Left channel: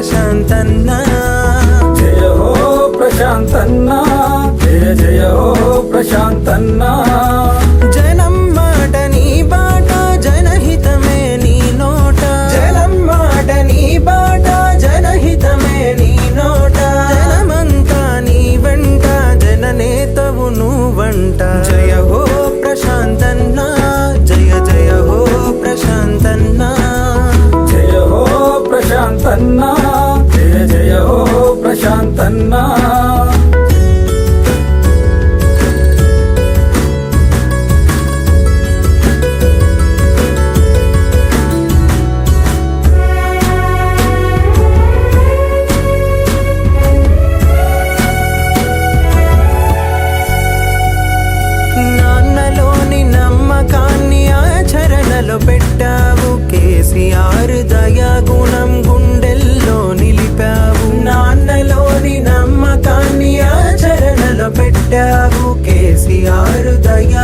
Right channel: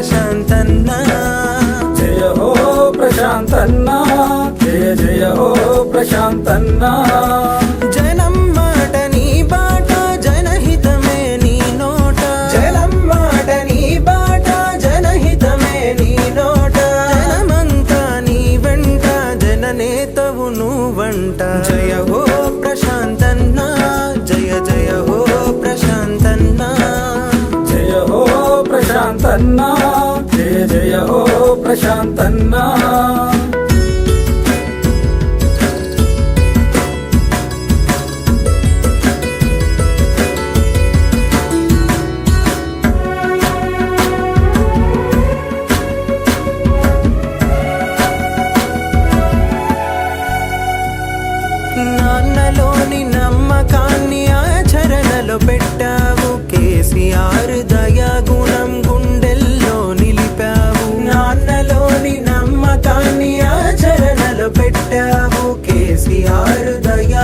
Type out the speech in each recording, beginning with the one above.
ప్రశాంతన్నా. జయ హో ప్రశాంతన్నా. జయ జయ హో ప్రశాంతన్నా. జనం మాట నీ బాట జనహితమే నీ నోట. జనం మాట నీ బాట జనహితమే నీ నోట. జనమంతా నీ వెంట జననేతవు నువ్వంట. జయ హో ప్రశాంతన్నా. జయ జయ ఓ ప్రశాంతన్నా. నాన్నలోని నమ్మకాన్ని ఆచరణలో పెట్టావు. కేసీఆర్ దయాగుణం గుండెల్లో నిలిపావు. నాన్నలోని నమ్మకాన్ని ఆచరణలో పెట్టావు. కేసీఆర్ దయా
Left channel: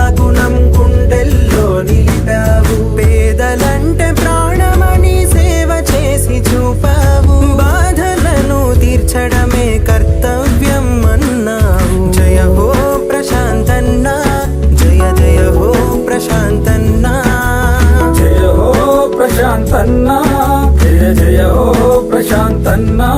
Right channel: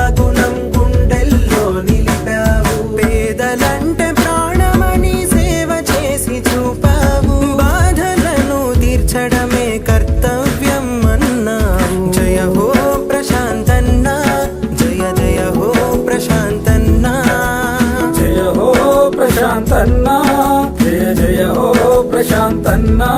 ప్రశాంతన్నా. జయ హో ప్రశాంతన్నా. జయ జయ హో ప్రశాంతన్నా.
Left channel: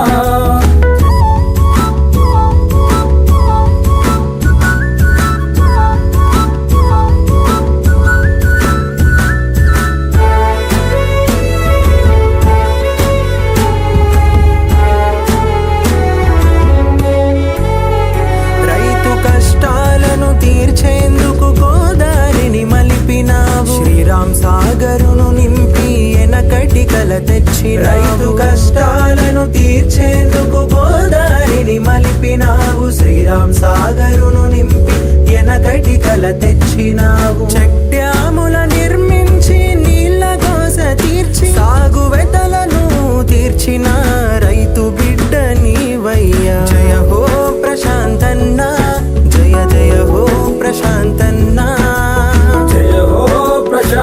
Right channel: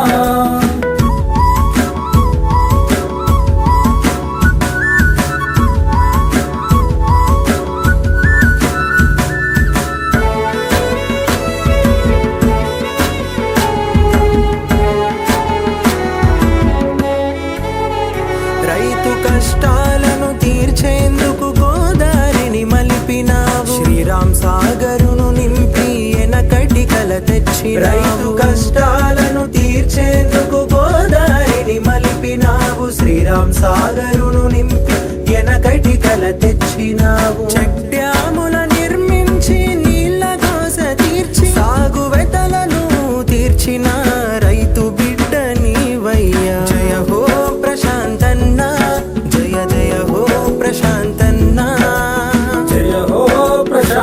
రైతు కష్టాలను తీర్చేందుకు శ్రీరామ్ సాగరును నింపి ఎనకటి కల తెచ్చి రైతు కష్టాలను తీర్చేందుకు గోదారిని మలిపినావు. శ్రీరామ్ సాగరును నింపి ఎనకటి కల తెచ్చినావు. చెక్ డ్యాముల నిర్మించి నీళ్ళ కోస తీర్చి సాగు వెతలను తీర్చిన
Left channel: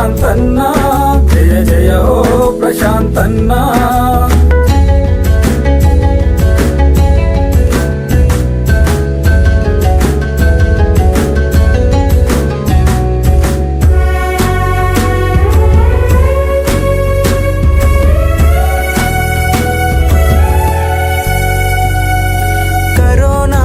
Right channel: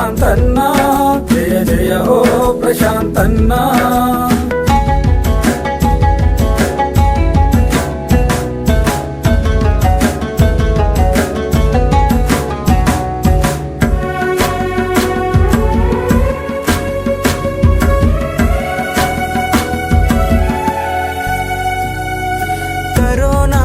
ప్రశాంతన్న జయ జయ ఓ ప్రశాంతన్న. కరోనా